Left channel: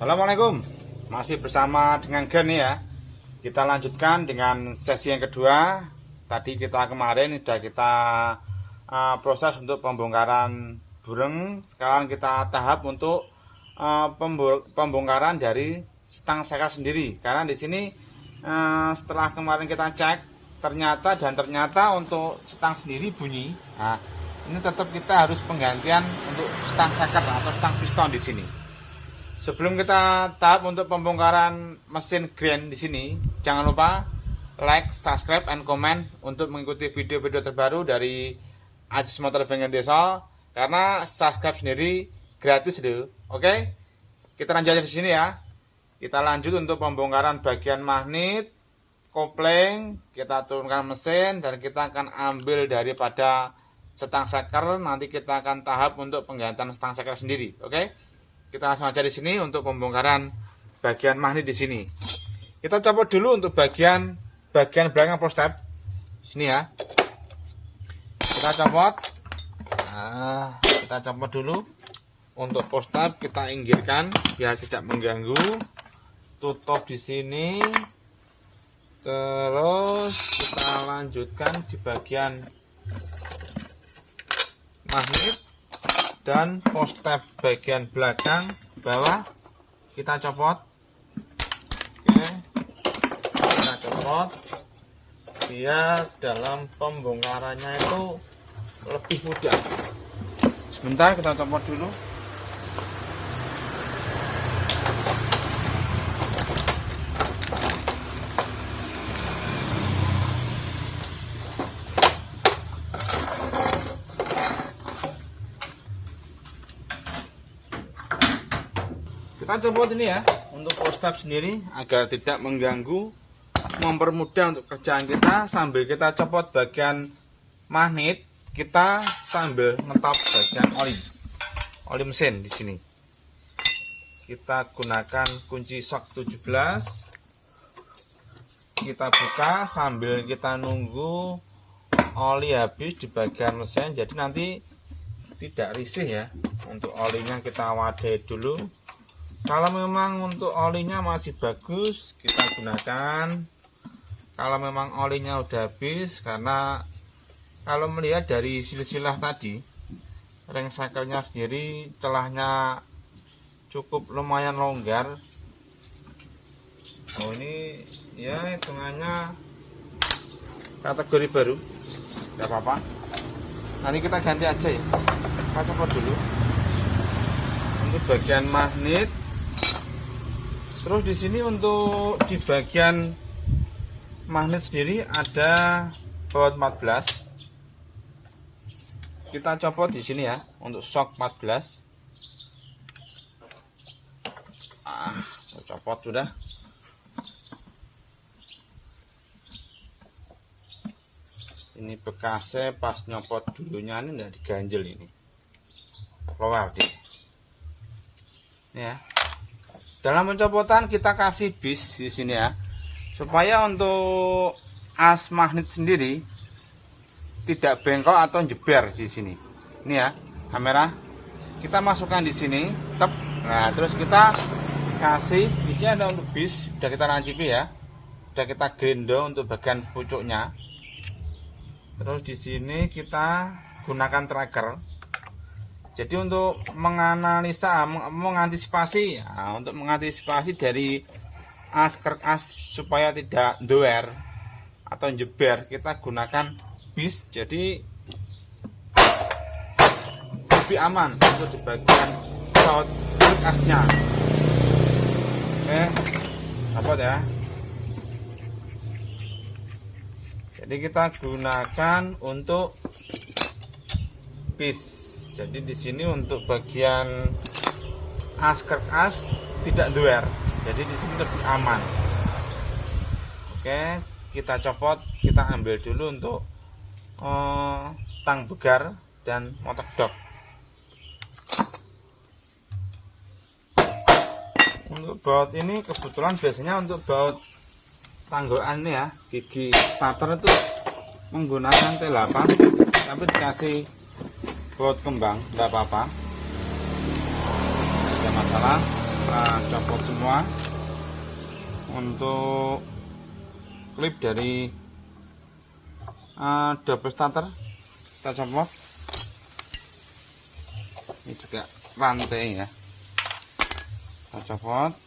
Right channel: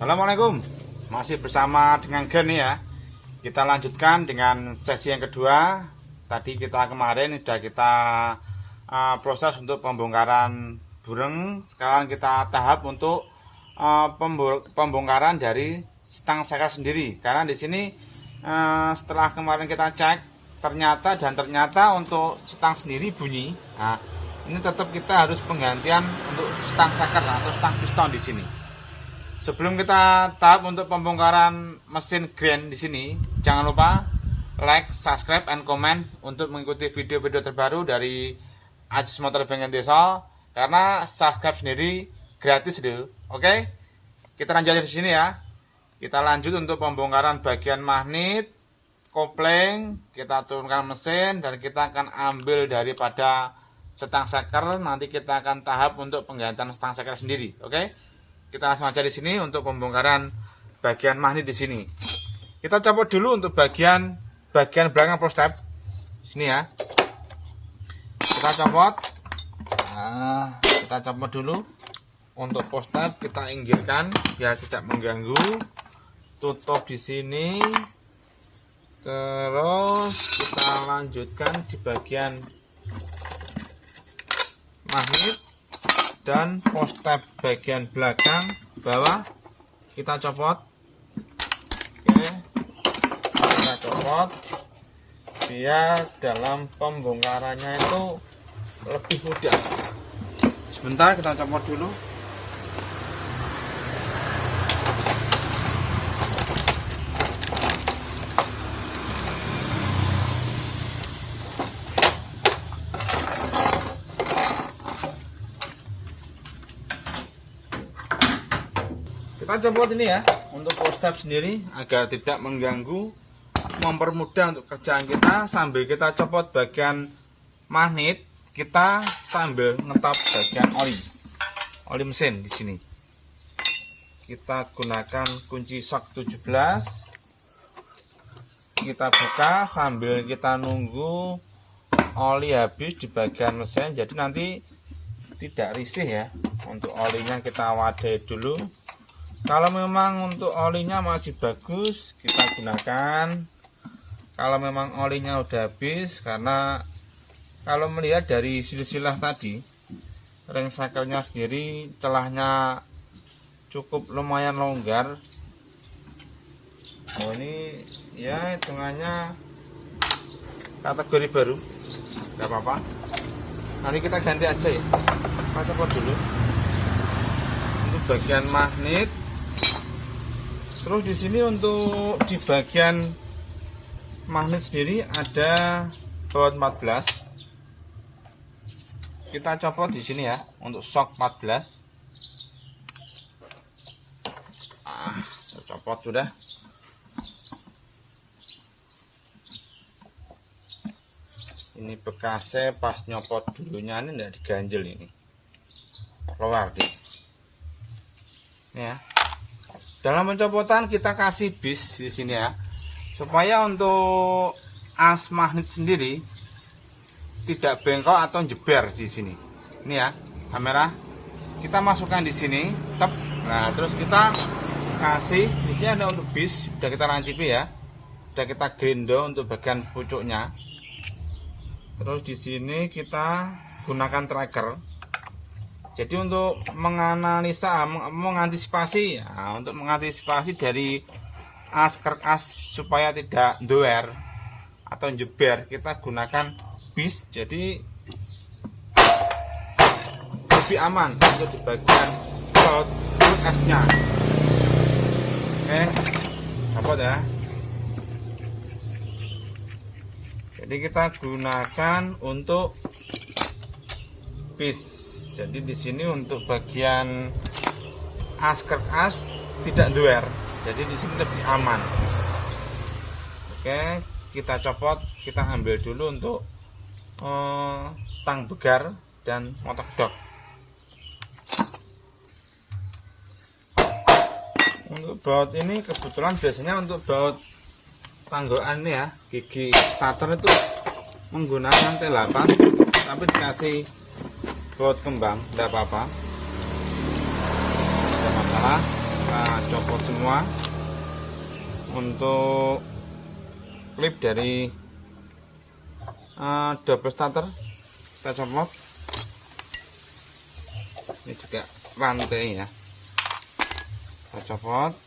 Assalamualaikum, masih bersama dengan Gen ya. Kita lanjutkan dengan sesi yang kedua. Tadi kita kemarin sudah kita proses untuk pembongkaran burung. Sekarang kita tahap untuk pembongkaran dari stang seker sendiri. Karena di sini setelah kemarin kita cek ternyata untuk stang sendiri bunyi. Nah, ini tetap kita harus penggantian untuk stang seker atau stang piston di sini. Sebelum kita tahap untuk pembongkaran mesin Grand di sini, jangan lupa like, subscribe, and comment untuk mengikuti video-video terbaru dari Ajis Motor Bengkel Desa. Karena subscribe sendiri gratis dulu. Oke, kita lanjut di sini ya. Kita lanjut untuk pembongkaran bagian magnet, kopling, kita turunkan mesin dan kita akan ambil daripada stang seker. Nanti kita akan tahap untuk penggantian stang seker sendiri. Oke. Kita langsung aja di sini untuk pembongkaran bagian magnet di sini. Kita copot dulu untuk bagian belakang prostep. Sini ya. Kita copot. Nah, kita copot dulu. Untuk prostep kita inggirkan biar tidak mengganggu. Tutup di sini. Terus kita lanjutkan di bagian magnet dan prostep bagian belakang bawah kita copot. Oke, kita copot biar dalam pembongkarannya itu lebih mudah. Sebentar kita copot dulu. Kita copot ini ya untuk prostep sendiri agar tidak mengganggu, mempermudah untuk kerjaan kita. Sambil kita copot bagian magnet, kita sambil ngetop bagian oli mesin di sini. Kita gunakan kunci shock 17. Kita buka sambil kita nunggu oli habis di bagian mesin. Jadi nanti tidak risih ya. Untuk olinya kita wadai dulu. Kalau memang untuk olinya masih bagus, kita gunakan. Kalau memang olinya udah habis, karena kalau melihat dari silsilah tadi, ring sekernya sendiri celahnya cukup lumayan longgar. Oh, ini ya hitungannya kategori baru, tidak apa-apa. Nanti kita ganti aja ya. Kita copot dulu untuk bagian magnet. Terus di sini untuk di bagian magnet sendiri ada baut 14. Kita copot di sini ya untuk shock 14. Copot sudah. Ini bekasnya pas nyopot dulunya ini tidak diganjel ini. Keluar deh. Ya. Dalam pencopotan kita kasih bis di sini ya, supaya untuk as magnet sendiri tidak bengkok atau jeber di sini. Ini ya, kamera kita masukkan di sini, tep. Nah, terus kita kasih di sini ada untuk bis, sudah kita rancipi ya, sudah kita gendong untuk bagian pucuknya. Terus di sini kita gunakan tracker. Jadi untuk menganalisa, mengantisipasi, ya, untuk mengantisipasi dari as supaya tidak doer atau jeber, kita gunakan bis. Jadi lebih aman untuk di bagian asnya. Oke, apa ya? Jadi kita gunakan untuk bis. Jadi di sini untuk bagian as tidak doer. Jadi di sini lebih aman. Oke, kita copot, kita ambil dulu untuk tang begar dan motor dok. Untuk baut ini kebetulan biasanya untuk baut tanggokan ya, gigi starter itu menggunakan T8, tapi dikasih baut kembang, tidak apa-apa, tidak ada masalah. kita copot semua. Untuk klip dari double starter kita copot. Ini juga rantai ya, kita copot.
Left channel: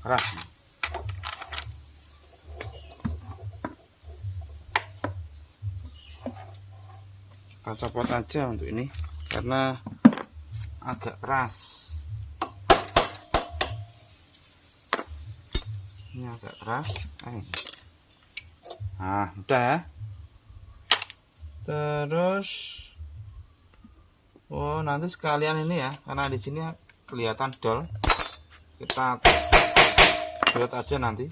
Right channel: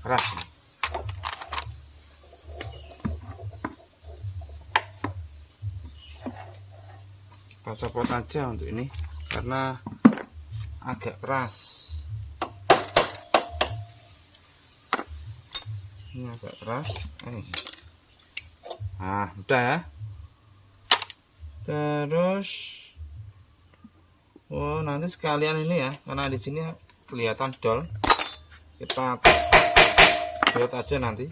Keras. Kita copot aja untuk ini karena agak keras. Ini agak keras. Nah, udah ya. Terus nanti sekalian ini ya, karena di sini kelihatan dol. Kita buat aja nanti.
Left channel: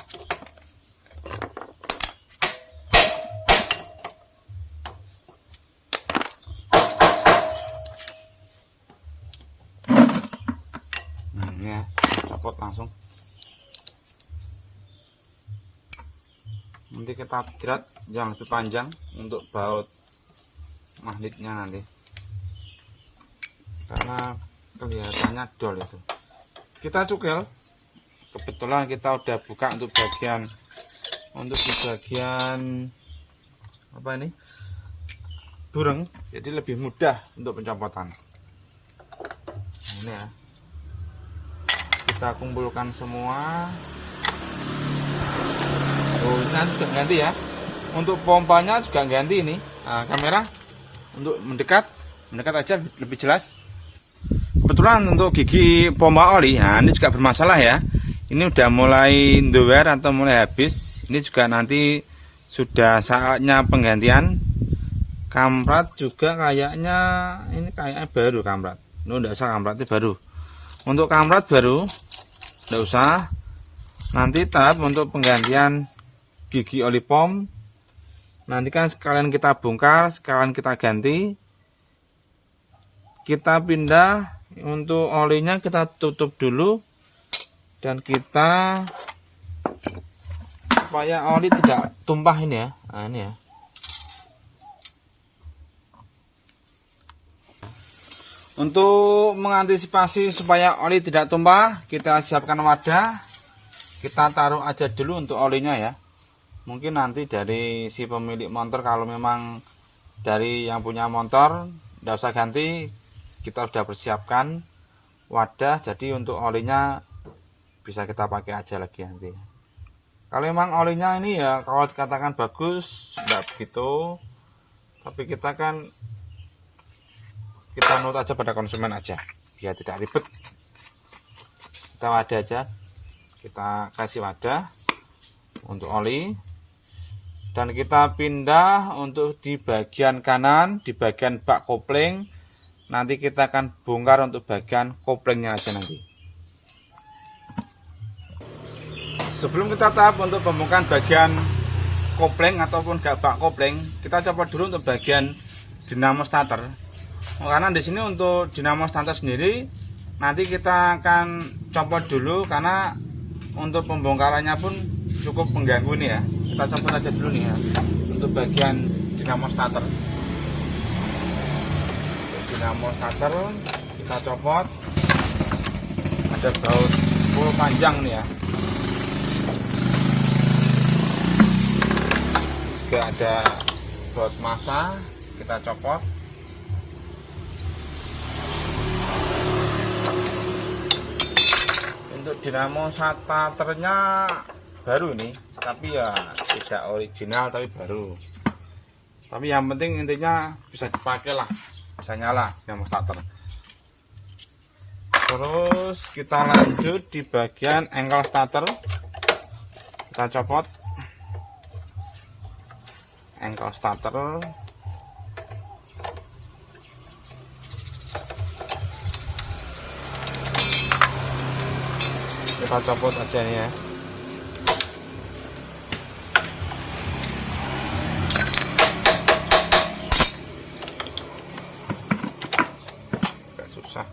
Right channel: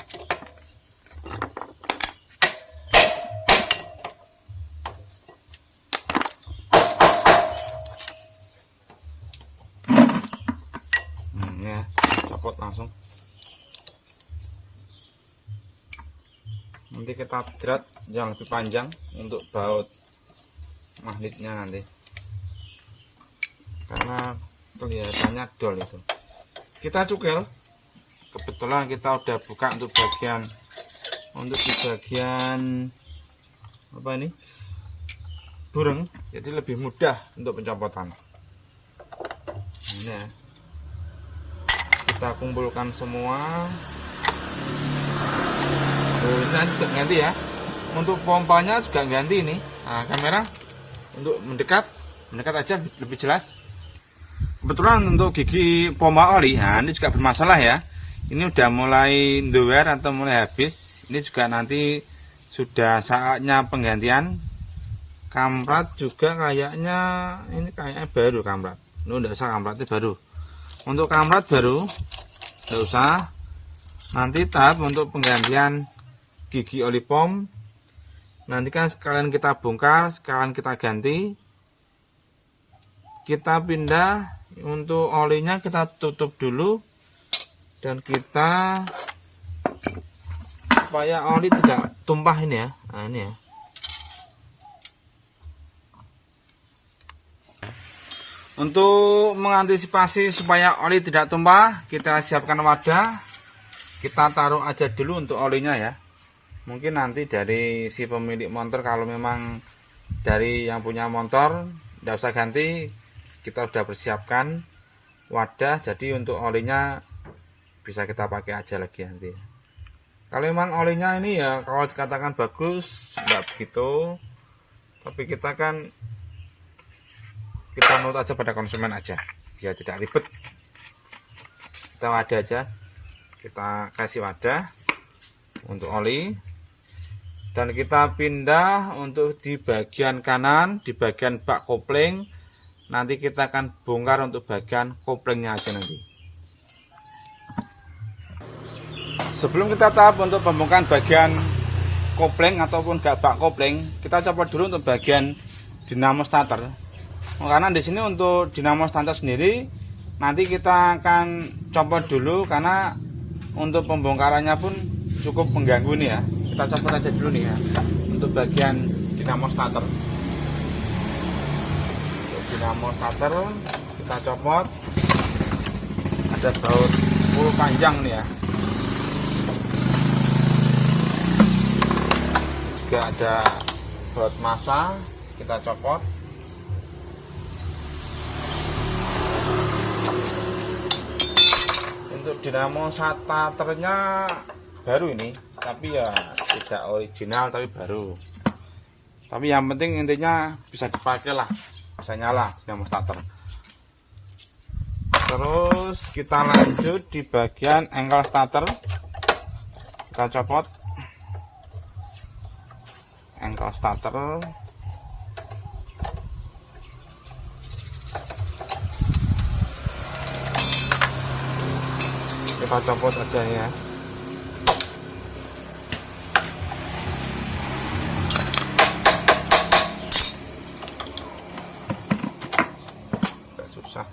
Ya, copot langsung. Nanti kita drat yang lebih panjang untuk baut magnetnya nanti, karena kelihatannya dol itu. Kita cukel. Kebetulan kita udah buka untuk di bagian apa ini, bureng, jadi lebih mudah untuk pencopotan. Ini ya, kita kumpulkan semua. Ini nanti ganti ya. Untuk pompanya juga ganti ini. Nah, kamera untuk mendekat aja lebih jelas. Kebetulan untuk gigi pompa oli, nah ini juga bermasalah ya. Ini udah mulai ndower atau mulai habis. Ini juga nanti sudah saatnya penggantian. Kamprat juga kayaknya ini kayaknya baru kamprat. Ini udah usah, kamprat itu baru. Untuk kamprat baru, nggak usah. Nanti tahap untuk penggantian gigi oli pom. Nanti kan sekalian kita bongkar, sekalian kita ganti. Kita pindah untuk olinya, kita tutup dulu. Dan kita supaya oli tidak tumpah ini ya. Nah, ini ya. Untuk mengantisipasi supaya oli tidak tumpah, kita siapkan wadah. Kita taruh aja dulu untuk olinya ya. Mungkin nanti dari si pemilik motor, kalau memang dari yang punya motor tidak usah ganti, kita sudah persiapkan wadah. Jadi untuk olinya bisa kita pakai aja lagi nanti. Kalau memang olinya ini ya, kalau dikatakan bagus, enggak begitu. Tapi kita menurut aja pada konsumen aja, biar tidak ribet. Kita wadah aja, kita kasih wadah untuk oli. Dan kita pindah untuk di bagian kanan, di bagian bak kopling. Nanti kita akan bongkar untuk bagian koplingnya aja nanti. Sebelum kita tahap untuk pembongkaran bagian kopling ataupun bak kopling, kita coba dulu untuk bagian dinamo starter. Karena di sini untuk dinamo starter sendiri nanti kita akan copot dulu, karena untuk pembongkarannya pun cukup mengganggu nih ya. Kita copot aja dulu nih ya untuk bagian dinamo starter. Dinamo starter kita copot. Ada baut full panjang nih ya. Juga ada baut massa, kita copot. Untuk dinamo starternya baru ini, tapi ya tidak original tapi baru. Tapi yang penting intinya bisa dipakai lah, bisa nyala dinamo starter. Terus kita lanjut di bagian engkel starter. Kita copot engkel starter. Kita copot aja ya. Agak susah.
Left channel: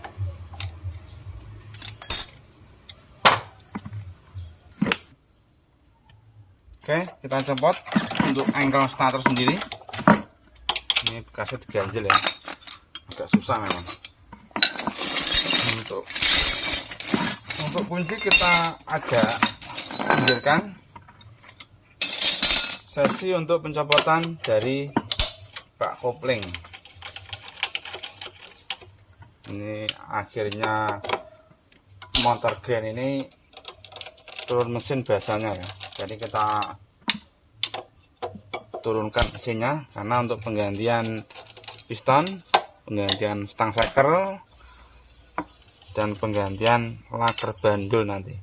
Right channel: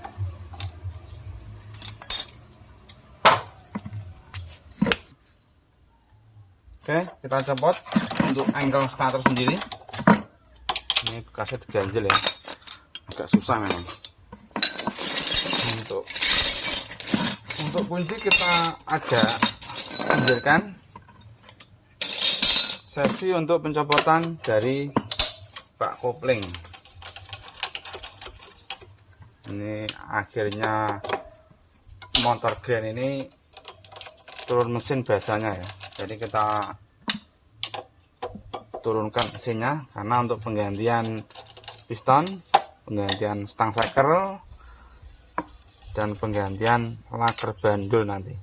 Oke, kita copot untuk engkel starter sendiri. Ini bekasnya diganjel ya, agak susah kan. Untuk kunci kita agak pinggirkan. Sesi untuk pencopotan dari bak kopling. Ini akhirnya motor grand ini turun mesin biasanya ya. Jadi kita turunkan mesinnya karena untuk penggantian piston, penggantian stang seker, dan penggantian laker bandul nanti.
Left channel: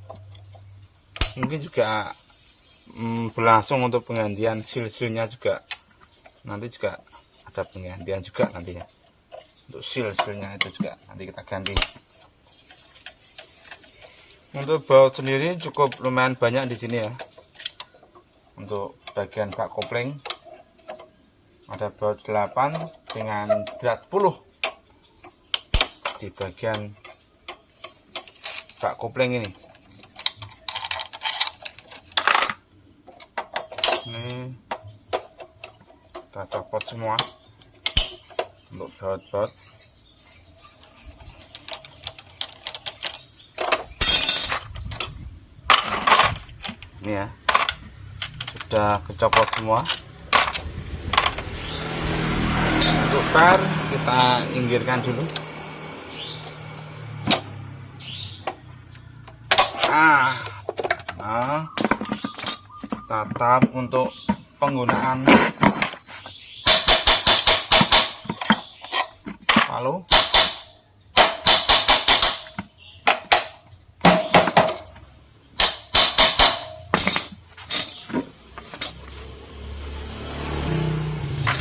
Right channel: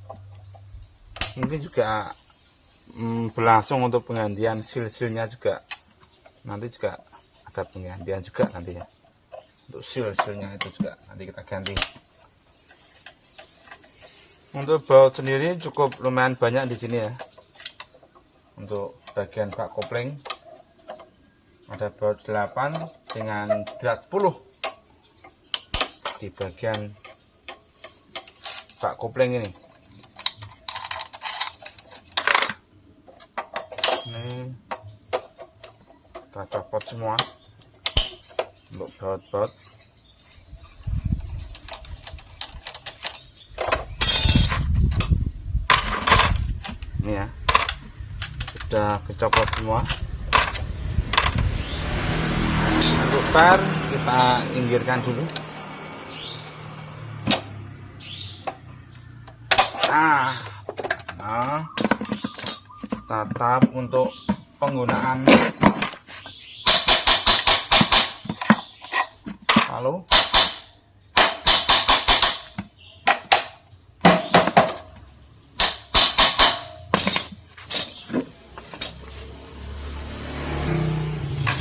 Mungkin juga berlangsung untuk penggantian seal-sealnya juga, nanti juga ada penggantian juga nantinya. Untuk seal-sealnya itu juga nanti kita ganti. Untuk baut sendiri cukup lumayan banyak di sini ya. Untuk bagian bak kopling ada baut 8 dengan berat 10 di bagian bak kopling ini. Ini kita copot semua untuk baut-baut. Ini ya, sudah kecopot semua. Untuk per kita inggirkan dulu. Nah, tetap untuk penggunaan palu.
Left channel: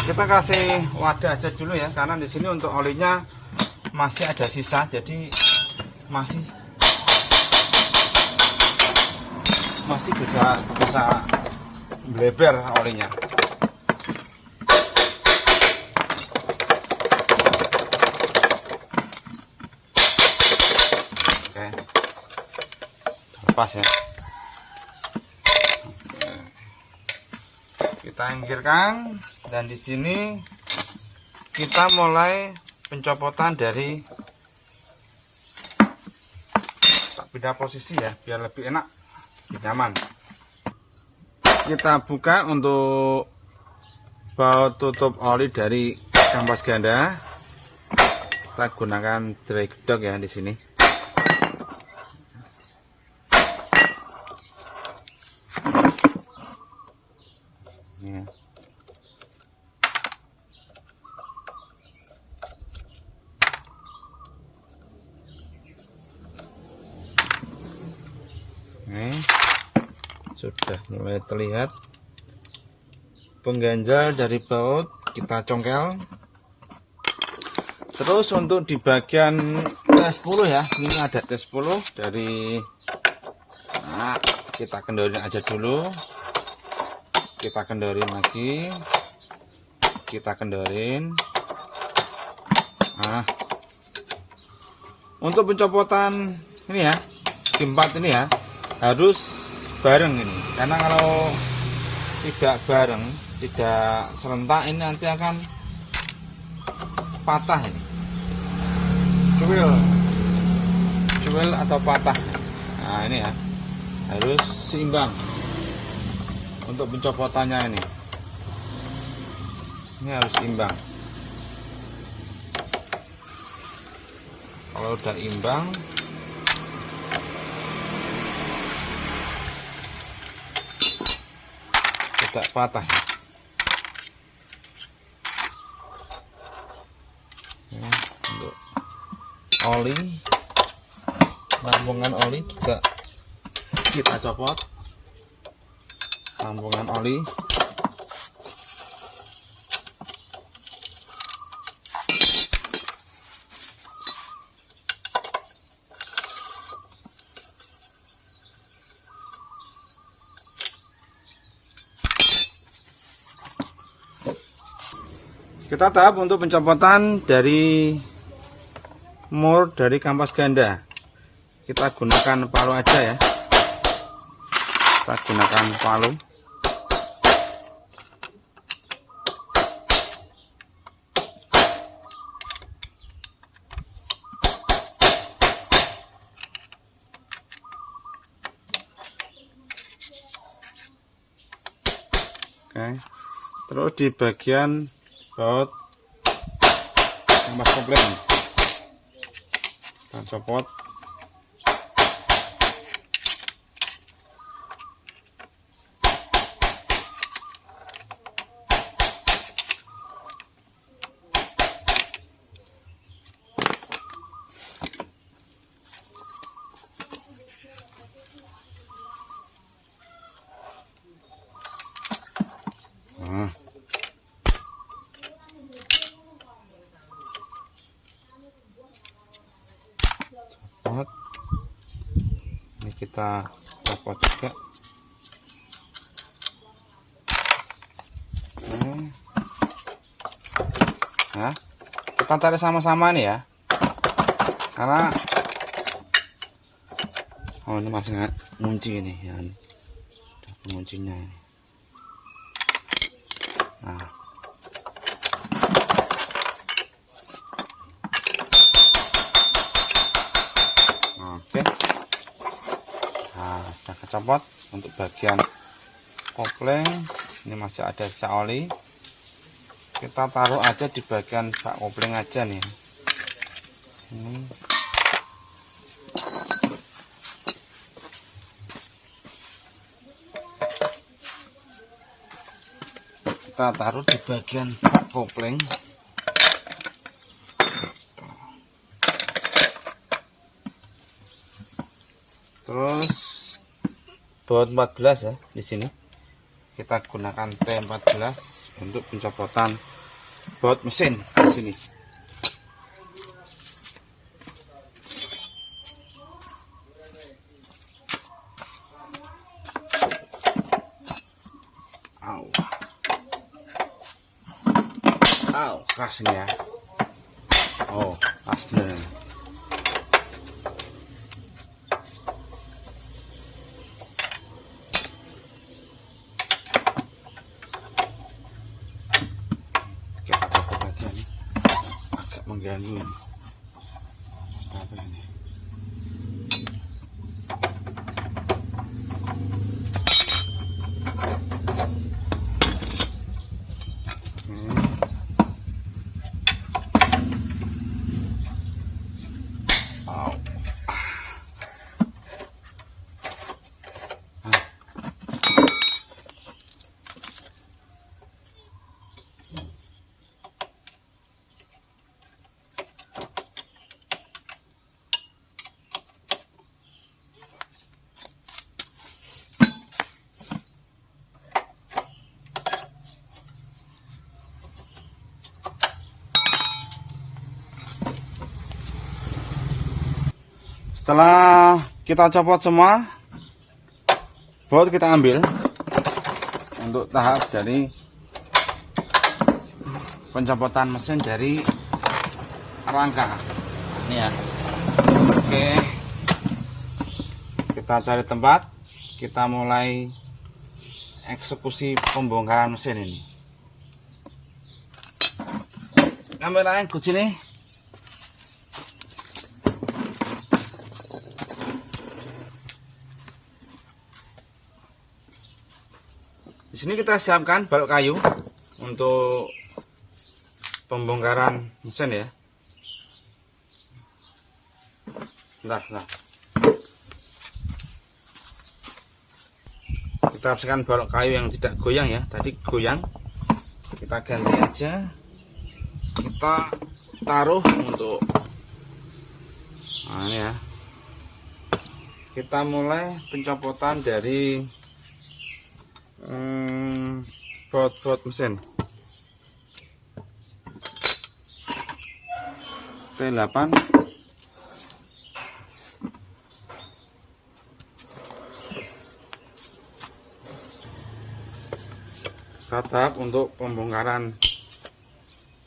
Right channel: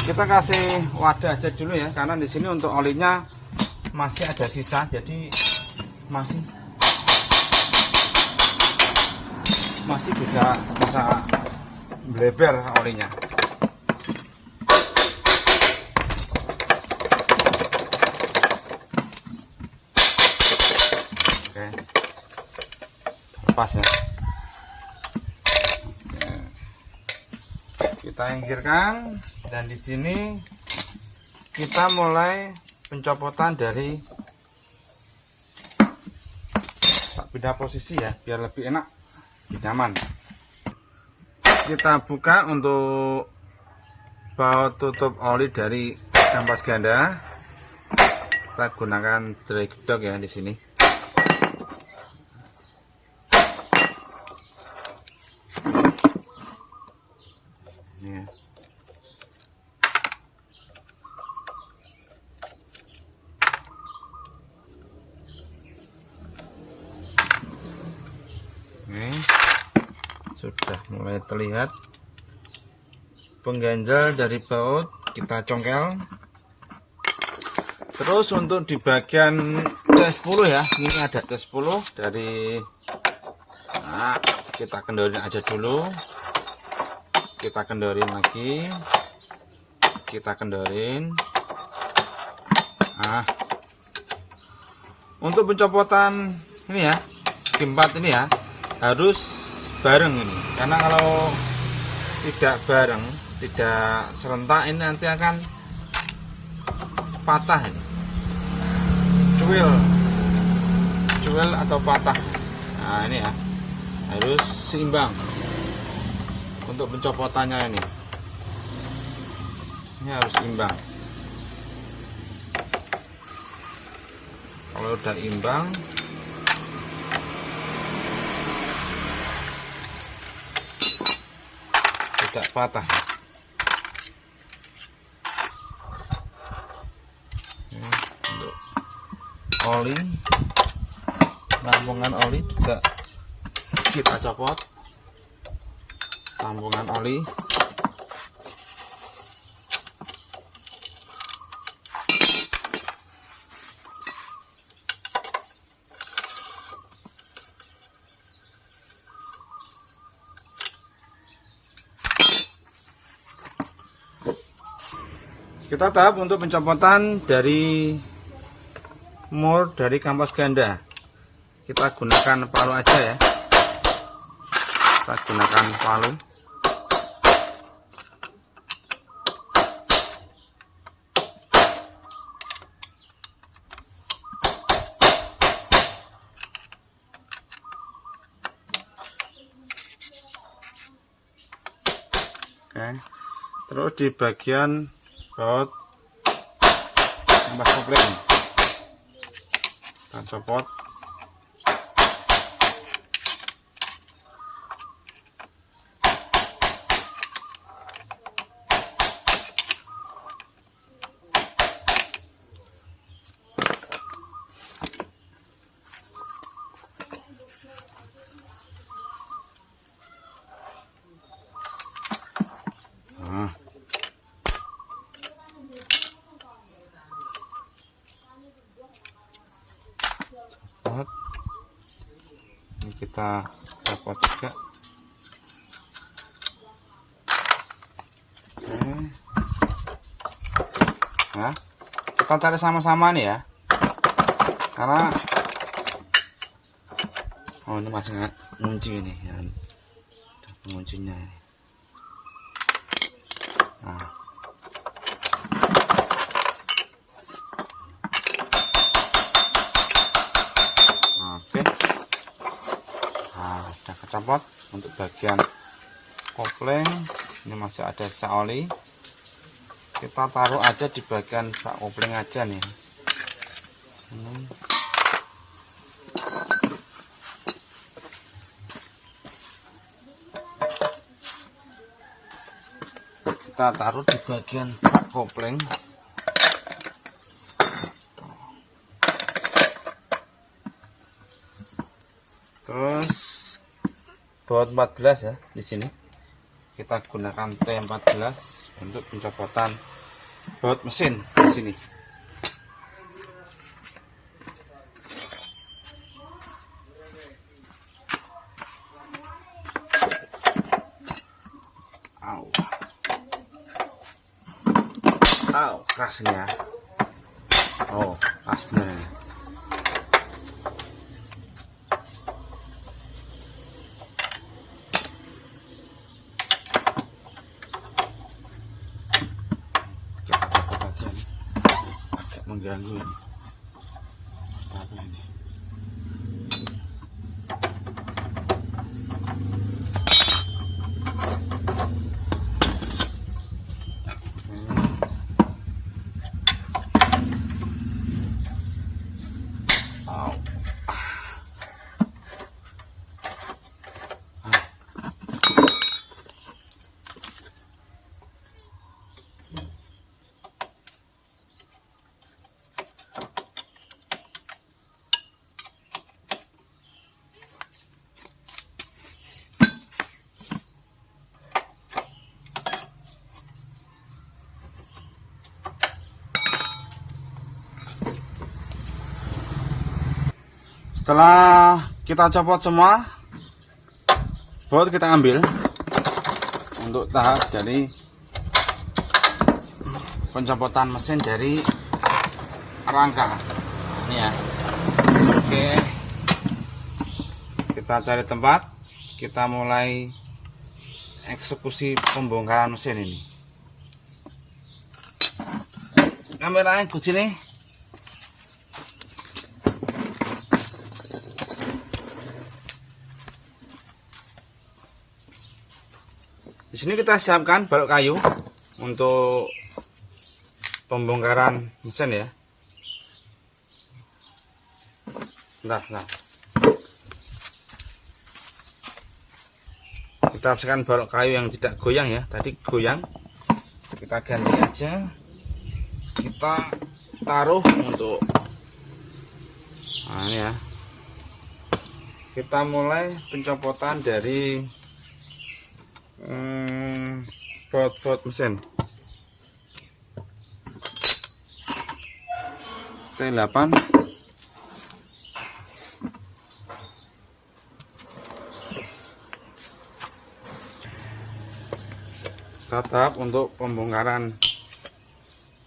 Kita kasih wadah aja dulu ya, karena di sini untuk olinya masih ada sisa, jadi masih bisa bleber olinya. Oke, lepas ya. Kita inggirkan, dan di sini kita mulai pencopotan dari pindah posisi ya, biar lebih enak, lebih nyaman. Kita buka untuk baut tutup oli dari kampas ganda. Kita gunakan drag dog ya di sini. Ini ya. Ini sudah mulai terlihat pengganjal dari baut, kita congkel. Terus untuk di bagian T10 ya, ini ada T10 dari, nah, kita kendorin aja dulu, kita kendorin lagi, kita kendorin. Nah, untuk pencopotan ini ya, segi 4 ini ya, harus bareng ini, karena kalau tidak bareng, tidak serentak, ini nanti akan patah ini, cuil atau patah. Nah ini ya, harus seimbang untuk pencopotannya ini harus imbang. Kalau udah imbang, tidak patah. Untuk oli, lambungan oli juga kita copot. Lambungan oli, kita tahap untuk pencopotan dari mur dari kampas ganda. Kita gunakan palu aja ya, kita gunakan palu. Oke. Terus di bagian baut kampas kopling kita copot. Ini kita copot juga. Oke. Ya, kita tarik sama-sama nih ya, karena ini masih nggak kunci ini ya, kuncinya ini. Nah, oke. Nah, sudah kecopot. Untuk bagian kopling ini masih ada sisa oli, kita taruh aja di bagian bak kopling aja nih. Kita taruh di bagian bak kopling. Terus baut 14 ya, di sini kita gunakan T14 untuk pencopotan baut mesin di sini. Keras ini ya. Pas bener ini. Kita copot aja nih. Agak mengganggu ini. Apa ini? Setelah kita copot semua, baut kita ambil untuk tahap dari pencopotan mesin dari rangka ini ya. Oke, kita cari tempat, kita mulai eksekusi pembongkaran mesin ini. Kameranya ke sini. Di sini kita siapkan balok kayu untuk pembongkaran mesin ya. Bentar. Kita bersihkan balok kayu yang tidak goyang ya. Tadi goyang, kita ganti aja. Kita taruh untuk ini ya. Kita mulai pencopotan dari baut mesin T8. Tahap untuk pembongkaran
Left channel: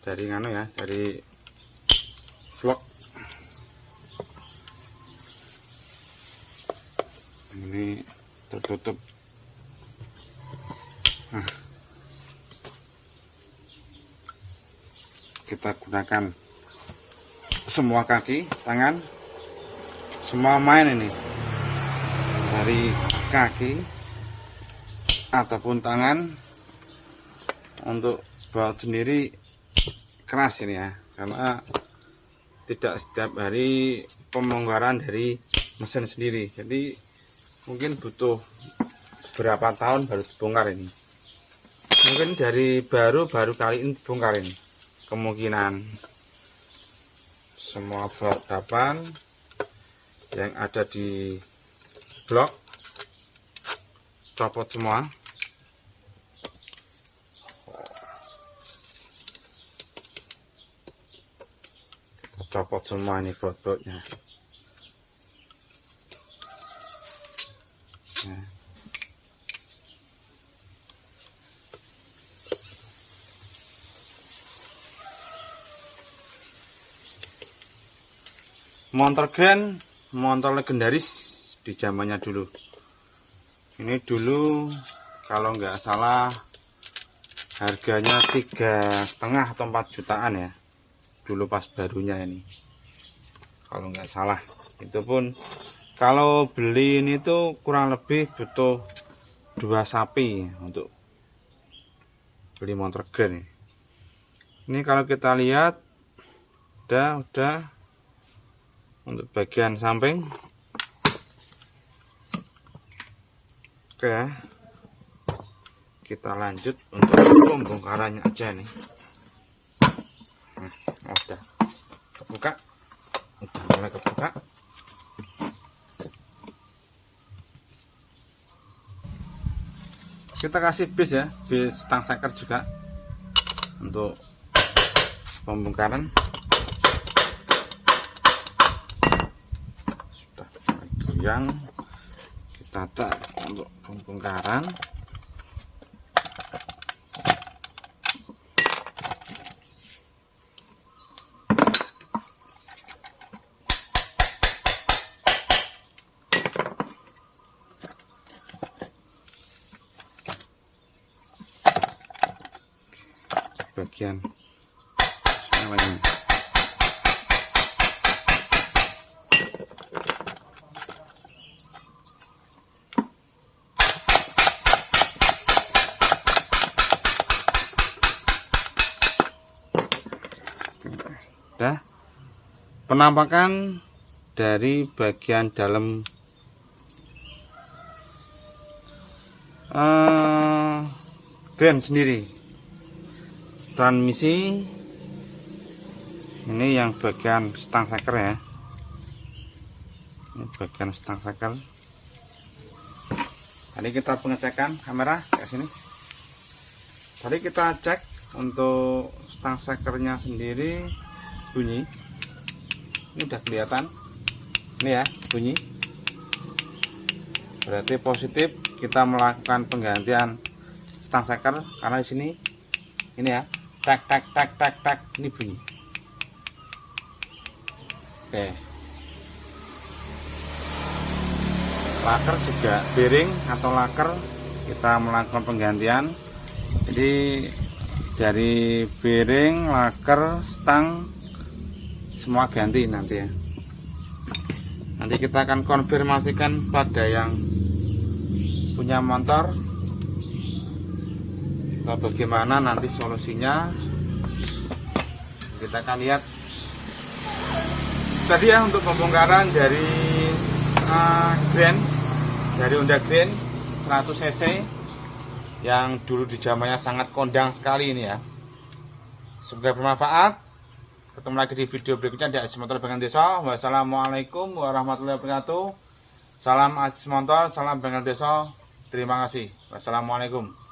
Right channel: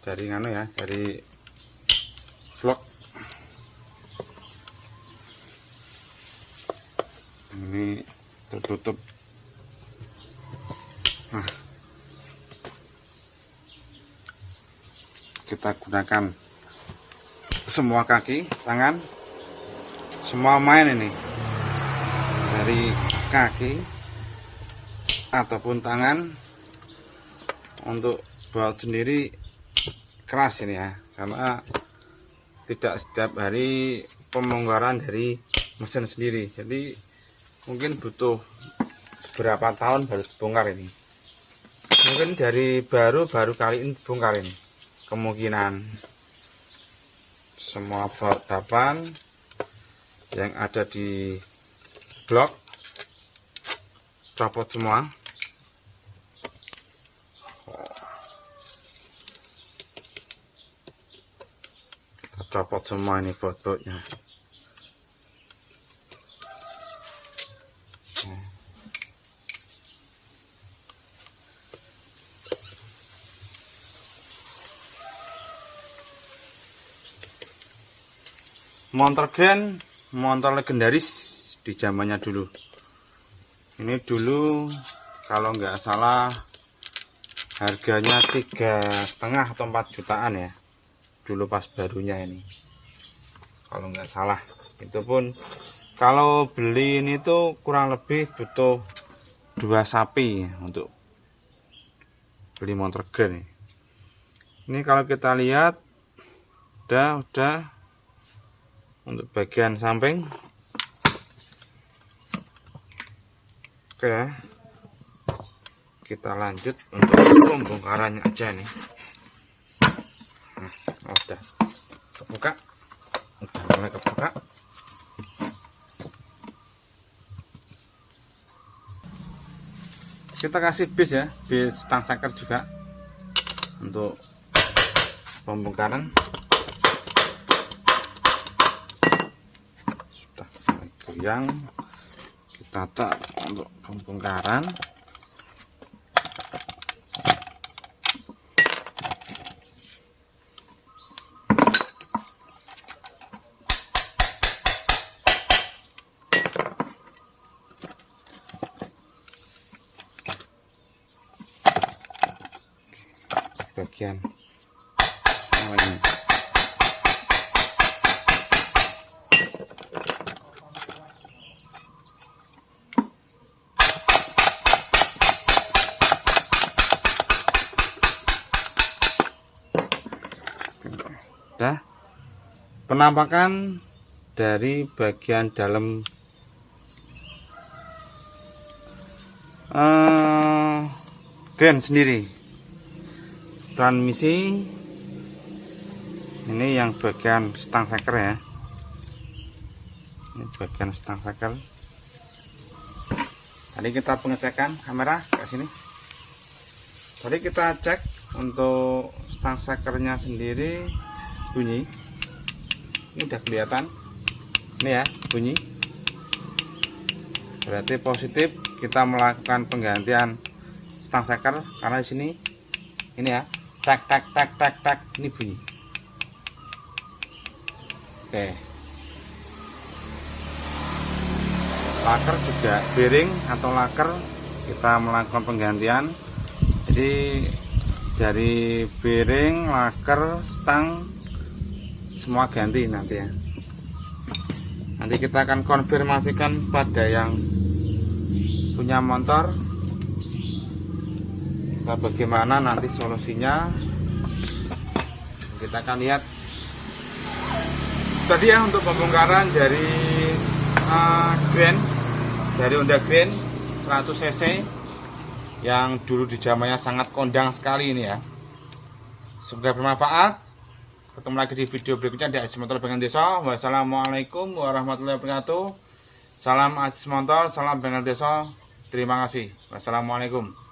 dari dari blok ini tertutup. Nah, kita gunakan semua kaki, tangan, semua main ini dari kaki ataupun tangan untuk baut sendiri keras ini ya, karena tidak setiap hari pembongkaran dari mesin sendiri, jadi mungkin butuh berapa tahun baru dibongkar ini. Mungkin dari baru kali ini dibongkar ini, kemungkinan. Semua baut dapan yang ada di blok copot semua. Kita copot semua ini baut-bautnya. Motor Grand, motor legendaris di zamannya dulu. Ini dulu kalau nggak salah harganya 3,5 atau 4 jutaan ya. Dulu pas barunya ini. Kalau nggak salah. Itu pun kalau beli ini tuh kurang lebih butuh 2 sapi untuk beli motor Grand ini. Ini kalau kita lihat udah untuk bagian samping. Oke, kita lanjut untuk pembongkarannya aja nih. Udah kebuka, udah mulai kebuka. Kita kasih bis ya, bis stang seker juga untuk pembongkaran. Yang kita tak untuk pembongkaran. Bagian namanya. Dah penampakan dari bagian dalam Grand sendiri. Transmisi ini yang bagian stang seker ya, ini bagian stang seker. Tadi kita pengecekan kamera ke sini. Tadi kita cek untuk stang sekernya sendiri bunyi. Ini udah kelihatan. Ini ya, bunyi. Berarti positif kita melakukan penggantian stang seker karena di sini ini ya, tak ini bunyi. Oke. Laker juga bearing atau laker kita melakukan penggantian. Jadi dari bearing, laker, stang semua ganti nanti ya. Nanti kita akan konfirmasikan pada yang punya motor bagaimana nanti solusinya. Kita akan lihat tadi ya untuk pembongkaran dari Grand, dari Honda Grand 100 cc yang dulu di zamannya sangat kondang sekali ini ya. Semoga bermanfaat. Ketemu lagi di video berikutnya di Aziz Motor Bengkel Desa. Wassalamualaikum warahmatullahi wabarakatuh. Salam Aziz Motor, salam Bengkel Desa. Terima kasih. Wassalamualaikum.